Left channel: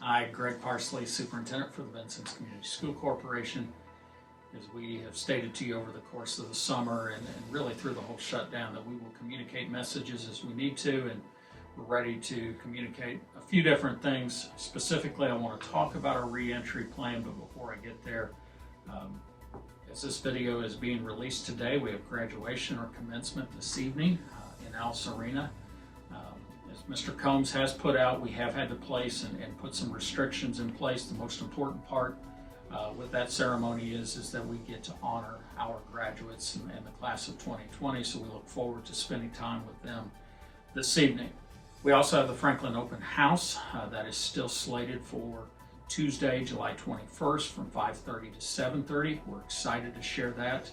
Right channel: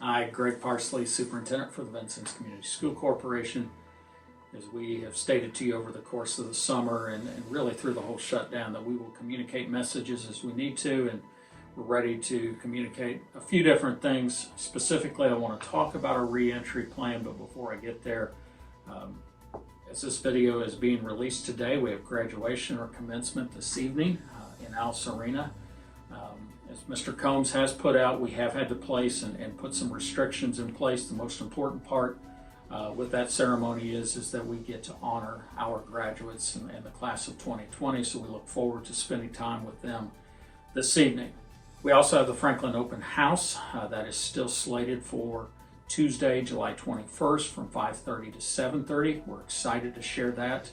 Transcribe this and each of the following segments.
Hi, Greg Parsley, Superintendent for the Vincennes Community School Corporation. As we have stated to you over the course of the summer and really through the whole shutdown, that we will communicate messages as we need to, and we're ready to communicate a few different things. Specifically, I want to talk about our reentry plan, but before I get there, as this video is being released today, we have graduation or commencement this evening in Alice Arena. As Mr. Combs has put out, we have had to place and put some restrictions in place. The most important part with that ceremony is that we get to honor our graduates in the class of 2020, so we look forward to spending time with them this evening. We also have the Franklin Open House that is still slated for Tuesday, July 21st from 5:30 to 7:30. We're excited to share that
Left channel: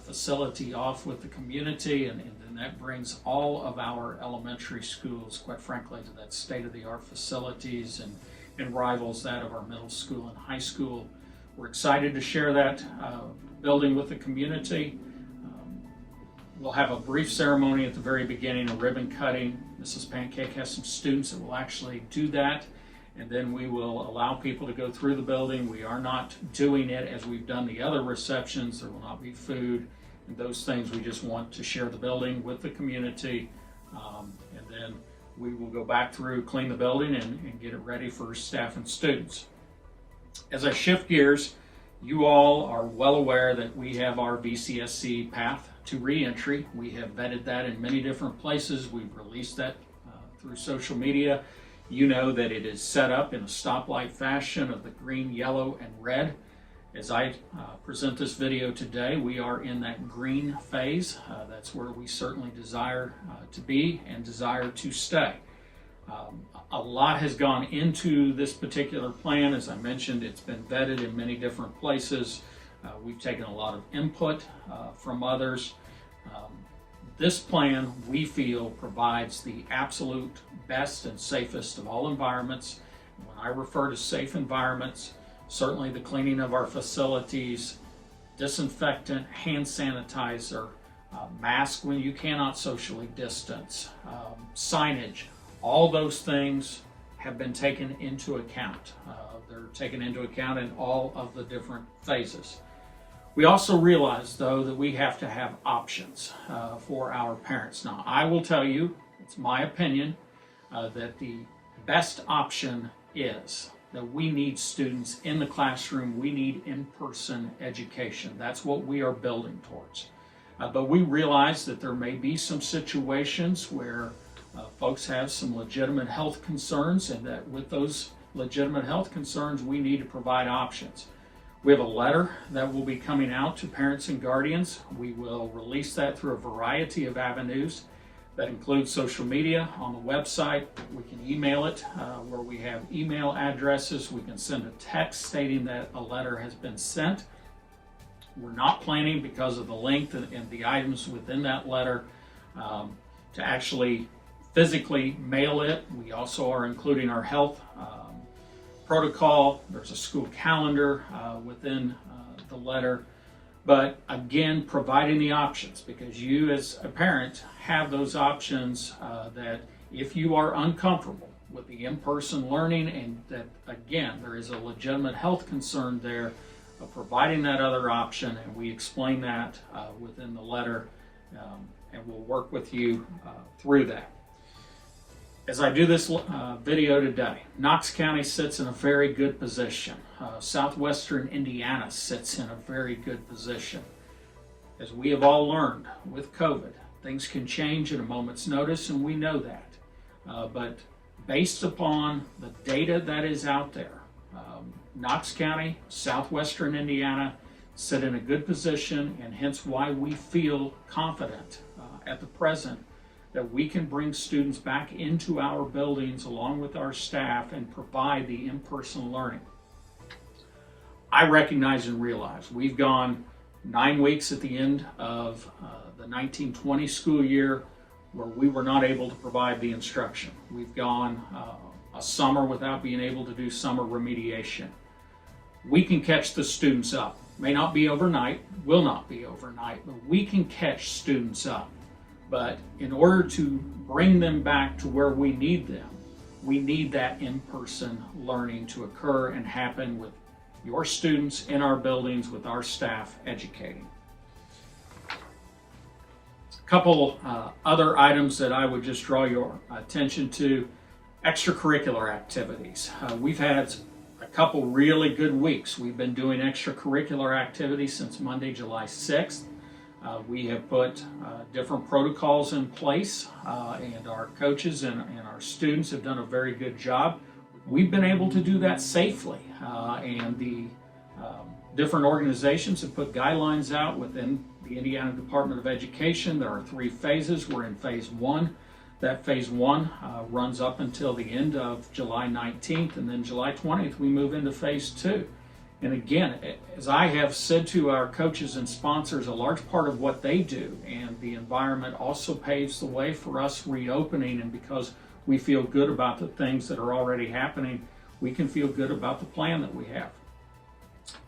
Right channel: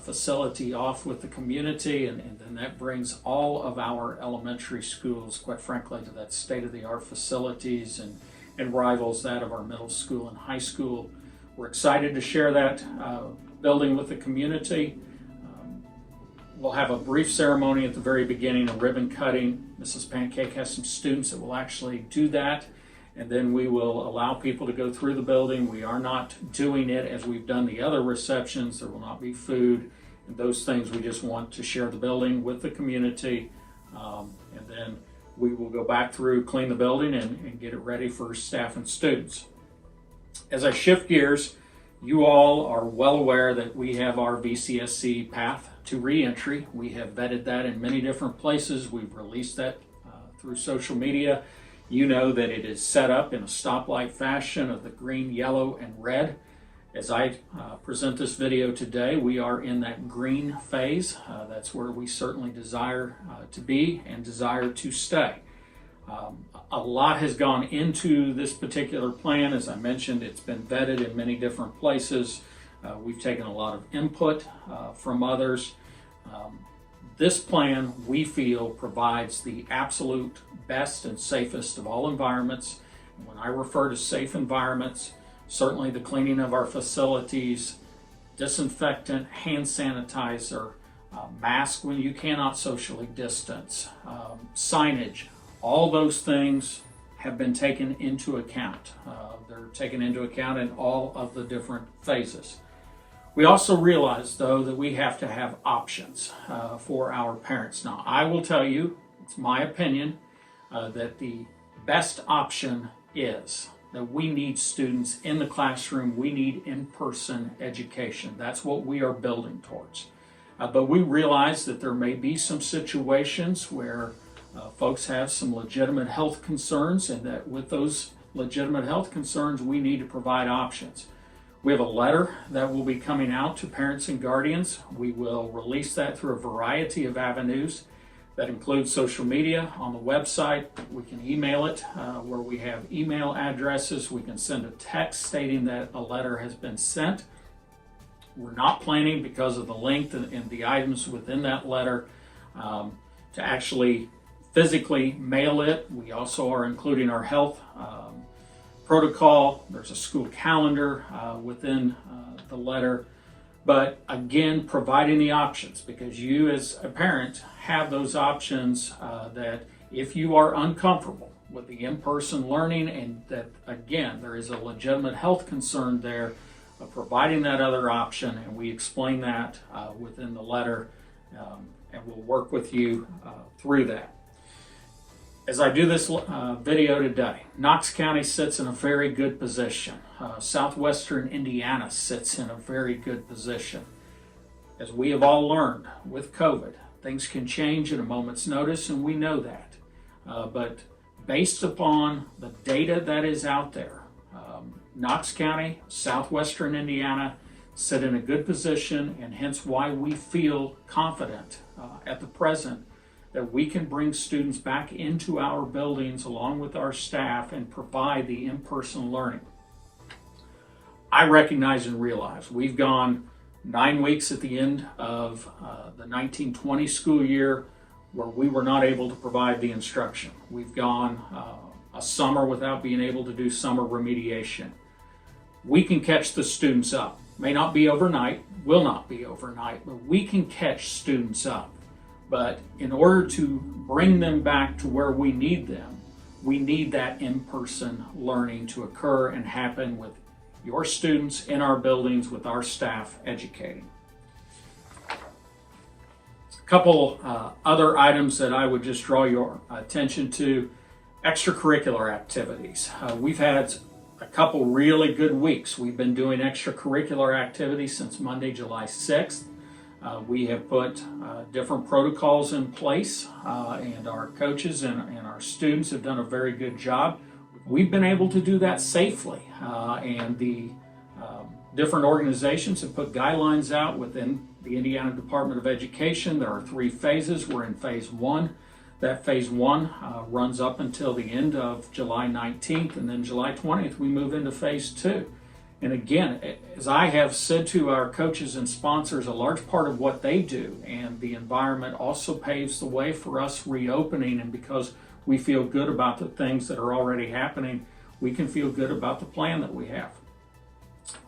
facility off with the community, and then that brings all of our elementary schools, quite frankly, to that state-of-the-art facilities and rivals that of our middle school and high school. We're excited to share that building with the community. We'll have a brief ceremony at the very beginning, a ribbon cutting. Mrs. Pancake has some students that will actually do that, and then we will allow people to go through the building. We are not doing it as we've done the other receptions. There will not be food and those things. We just want to share the building with the community, and then we will go back through, clean the building, and get it ready for staff and students. As I shift gears, you all are well aware that we have our VCSC path to reentry. We have vetted that in many different places. We've released that through social media. You know that it is set up in a stoplight fashion of the green, yellow, and red. As I present this video today, we are in that green phase. That's where we certainly desire to be and desire to stay. A lot has gone into this particular plan. As I mentioned, it's been vetted in many different places. We've taken a lot of input from others. This plan, we feel, provides the absolute best and safest of all environments. When I refer to safe environments, certainly the cleaning of our facilities, disinfectant, hand sanitizer, mask when you cannot socially distance, signage, all those things have been taken into account. They're taken into account in all of the different phases. We also realize, though, that we have to have options for our parents. Now, I will tell you, it's my opinion, that the best option is that we need students in the classroom. We need in-person education. That's what we are building towards. But we realize that there may be some situations where folks have some legitimate health concerns, and that with those legitimate health concerns, we need to provide options. We have a letter that will be coming out to parents and guardians. We will release that through a variety of avenues that include social media, on the website. We can email it where we have email addresses. We can send a text stating that a letter has been sent. We're not planning, because of the length and the items within that letter, to actually physically mail it. We also are including our health protocol. There's a school calendar within the letter. But again, providing the options, because you as a parent have those options, that if you are uncomfortable with the in-person learning, and that again there is a legitimate health concern there, of providing that other option, and we explain that within the letter, and we'll work with you through that. As I do this video today, Knox County sits in a very good position. Southwestern Indiana sits in a very good position. As we have all learned with COVID, things can change at a moment's notice, and we know that. But based upon the data that is out there, Knox County, Southwestern Indiana sit in a good position, and hence why we feel confident at the present that we can bring students back into our buildings along with our staff and provide the in-person learning. I recognize and realize we've gone 9 weeks at the end of the 1920 school year where we were not able to provide the instruction. We've gone a summer without being able to do summer remediation. We can catch the students up. May not be overnight, will not be overnight, but we can catch students up. But in order to bring them back to where we need them, we need that in-person learning to occur and happen with your students in our buildings, with our staff educating. A couple other items that I would just draw your attention to: extracurricular activities. We've had a couple really good weeks. We've been doing extracurricular activities since Monday, July 6th. We have put different protocols in place, and our coaches and our students have done a very good job. We've been able to do that safely, and the different organizations have put guidelines out within the Indiana Department of Education. There are 3 phases. We're in phase 1. That phase 1 runs up until the end of July 19th, and then July 20th we move into phase 2. And again, as I have said to our coaches and sponsors, a large part of what they do and the environment also paves the way for us reopening. And because we feel good about the things that are already happening, we can feel good about the plan that we have.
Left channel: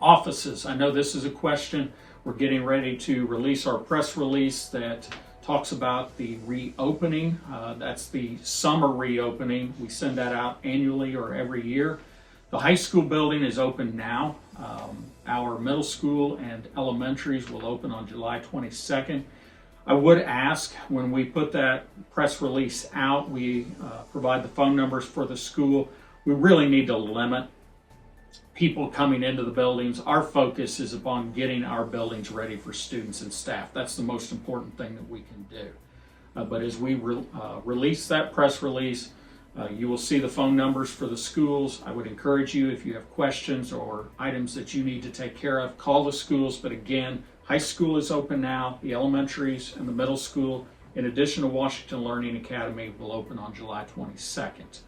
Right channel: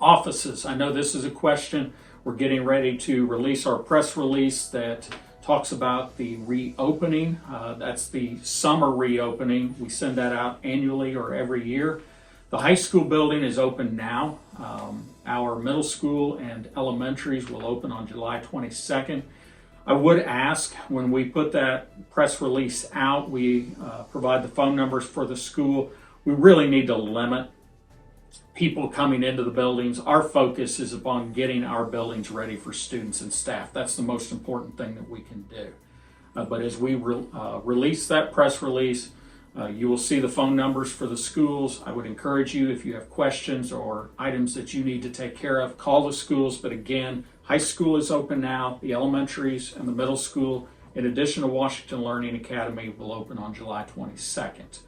Offices, I know this is a question. We're getting ready to release our press release that talks about the reopening. That's the summer reopening. We send that out annually or every year. The high school building is open now. Our middle school and elementaries will open on July 22nd. I would ask, when we put that press release out, we provide the phone numbers for the school. We really need to limit people coming into the buildings. Our focus is upon getting our buildings ready for students and staff. That's the most important thing that we can do. But as we release that press release, you will see the phone numbers for the schools. I would encourage you, if you have questions or items that you need to take care of, call the schools. But again, high school is open now, the elementaries and the middle school, in addition to Washington Learning Academy, will open on July 22nd.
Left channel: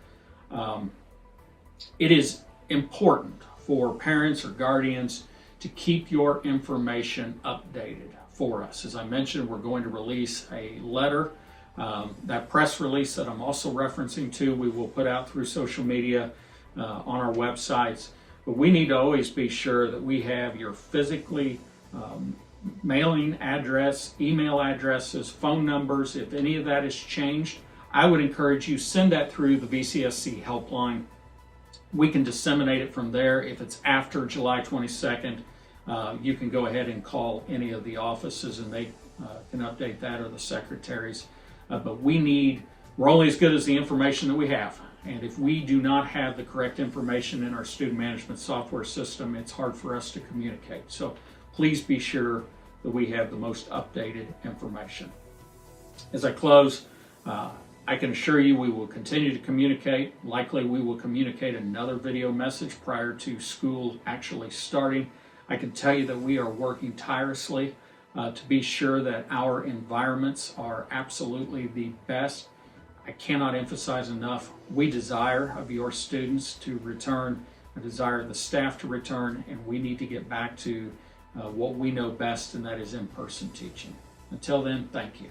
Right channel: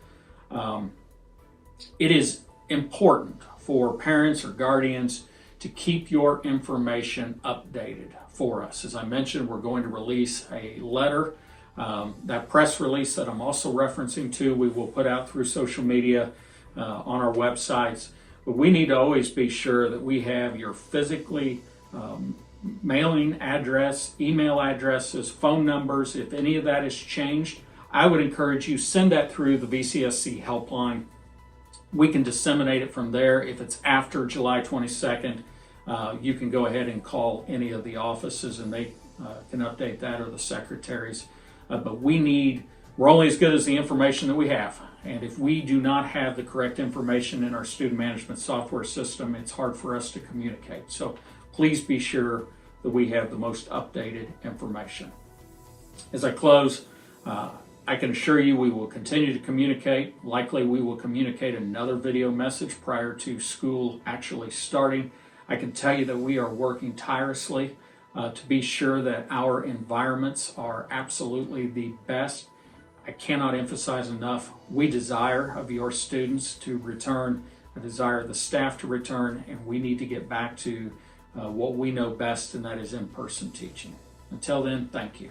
It is important for parents or guardians to keep your information updated for us. As I mentioned, we're going to release a letter. That press release that I'm also referencing to, we will put out through social media on our websites. But we need to always be sure that we have your physically mailing address, email addresses, phone numbers. If any of that is changed, I would encourage you, send that through the VCSC helpline. We can disseminate it from there. If it's after July 22nd, you can go ahead and call any of the offices and they can update that, or the secretaries. But we're only as good as the information that we have. And if we do not have the correct information in our student management software system, it's hard for us to communicate. So please be sure that we have the most updated information. As I close, I can assure you we will continue to communicate. Likely we will communicate another video message prior to school actually starting. I can tell you that we are working tirelessly to be sure that our environments are absolutely the best. I cannot emphasize enough, we desire of your students to return, I desire the staff to return, and we need to get back to what we know best, and that is in-person teaching. Until then, thank you.